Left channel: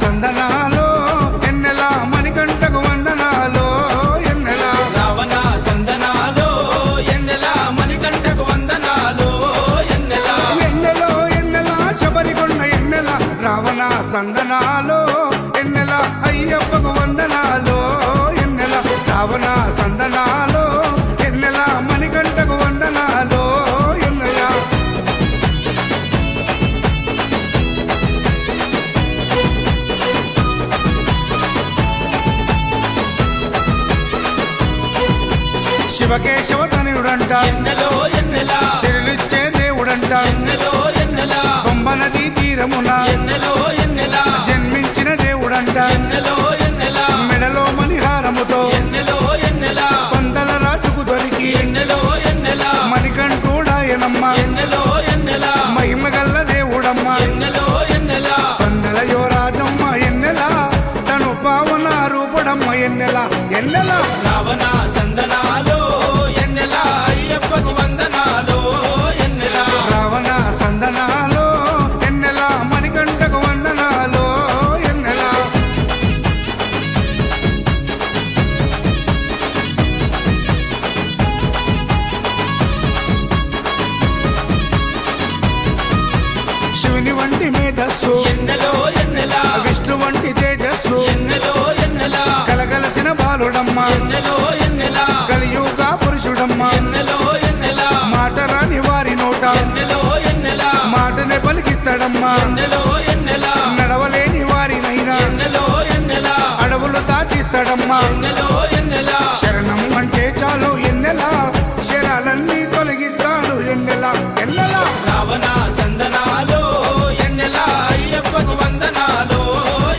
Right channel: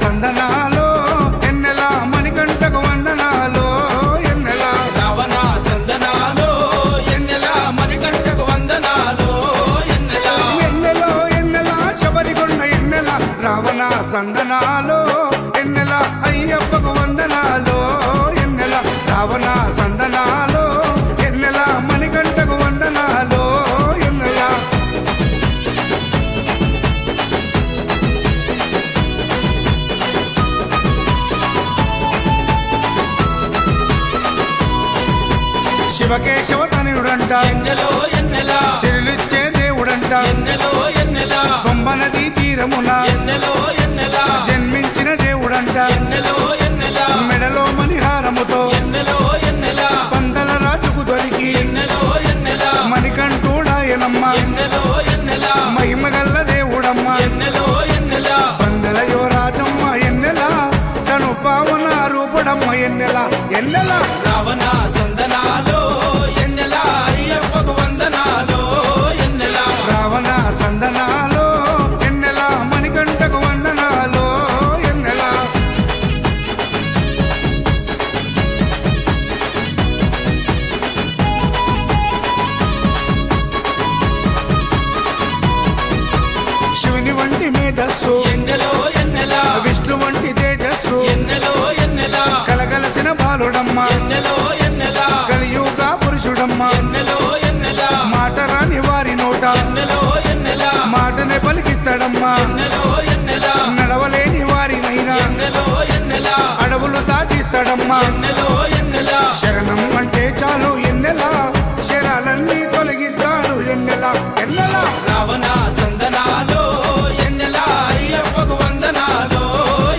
సందనాలో ఎన్నెల మణికంఠకు వందనాలో ఎన్నెల రావణ సందనాలో ఎన్నెల మణికంఠకు వందనాలో ఎన్నెల ఎన్నెలో ఎన్నెల శబరికొండ ఎన్నెల రావణ సందనాలో ఎన్నెల అయ్యప్పకు వందనాలో ఎన్నెల రావణ సందనాలో ఎన్నెల మణికంఠకు వందనాలో ఎన్నెల శివకేశవ తనయుడంట ఎన్నెలో ఎన్నెల సిరులిచ్చే దేవుడంట ఎన్నెలో ఎన్నెల బొమ్మ నదీ తీరమున ఎన్నెలో ఎన్నెల జన్మించిన దేవుడంట ఎన్నెలో ఎన్నెల మెడలో మణిహారముతో ఎన్నెలో ఎన్నెల పందల రాజుకు దొరికి ఎన్నెలో ఎన్నెల మణికంఠుడాయనమ్మ ఎన్నెలో ఎన్నెల మహిమగల్ల దేవుడమ్మ ఎన్నెలో ఎన్నెల పందల యువరాజమ్మ ఎన్నెల తను పావన రూపుడమ్మ ఎన్నెల ఎన్నెల రావణ సందనాలో ఎన్నెల అయ్యప్పకు వందనాలో ఎన్నెల రావణ సందనాలో ఎన్నెల మణికంఠకు వందనాలో ఎన్నెల శివుని వంటి మేధస్సు ఎన్నెలో ఎన్నెల విష్ణు వంటి తేజస్సు ఎన్నెలో ఎన్నెల కలగలసిన బాలుడమ్మ ఎన్నెలో ఎన్నెల కలియుగ పురుషుడమ్మ ఎన్నెలో ఎన్నెల మాట రాని వారి నోట ఎన్నెలో ఎన్నెల మాటనే పలికిస్తాడమ్మా ఎన్నెలో ఎన్నెల నడవలేని వారినైనా ఎన్నెలో ఎన్నెల అడవులు దాటిస్తాడమ్మా ఎన్నెలో ఎన్నెల శరణం అంటే చాలు ఎన్నెల శరాలన్నీ తొలగిస్తాడు ఎన్నెల ఎన్నెల రావణ సందనాలో ఎన్నెల అయ్యప్పకు వందనాలో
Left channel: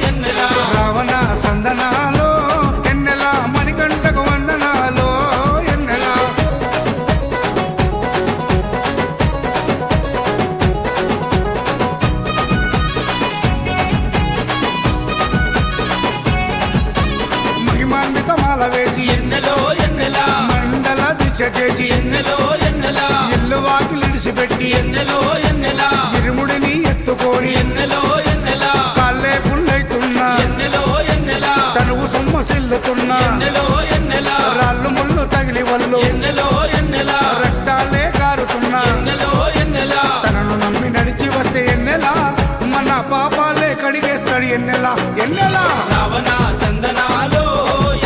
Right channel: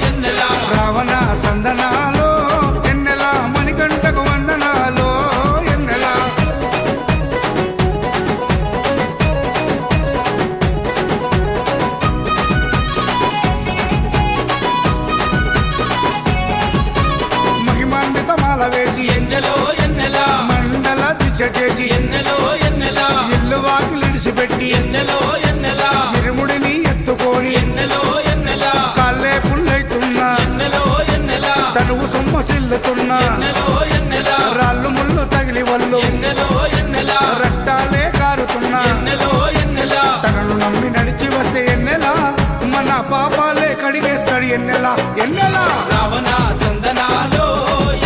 ఎన్నెల రావణ సందనాలో ఎన్నెల మణికంఠకు వందనాలో ఎన్నెల మహిమాన్విత మాల వేసి ఎన్నెలో ఎన్నెల మండల దీక్ష చేసి ఎన్నెలో ఎన్నెల ఇల్లు వాకిలిడిసిపెట్టి ఎన్నెలో ఎన్నెల ఇరుముడిని ఎత్తుకొని ఎన్నెలో ఎన్నెల కాళ్ళే పుల్లైతున్నా ఎన్నెలో ఎన్నెల తనువు సొమ్మసిల్లుతున్నా ఎన్నెలో ఎన్నెల రాళ్ళు ముళ్ళు తగిలి వల్లు ఎన్నెలో ఎన్నెల రక్తాలే కారుతున్నా ఎన్నెలో ఎన్నెల తనను నమ్మి నడిచి వస్తే ఎన్నెల మన పాపాలే కడిగేస్తాడు ఎన్నెల ఎన్నెల రావణ సందనాలో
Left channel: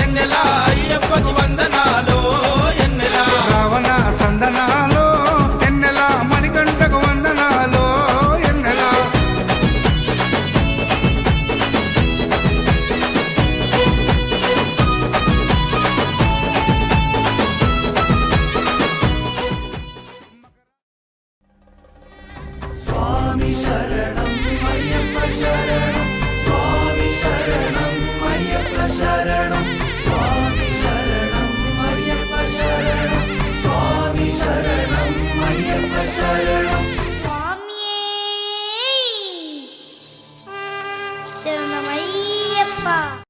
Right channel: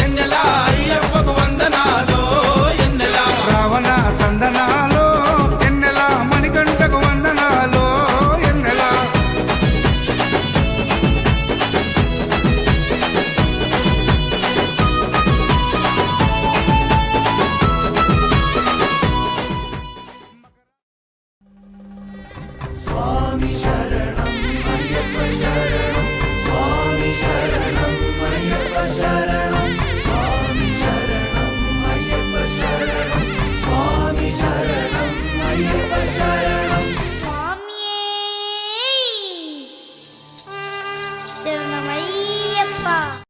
ఎన్నెల అయ్యప్పకు వందనాలో ఎన్నెల రావణ సందనాలో ఎన్నెల మణికంఠకు వందనాలో ఎన్నెల శరణమయ్యప్ప.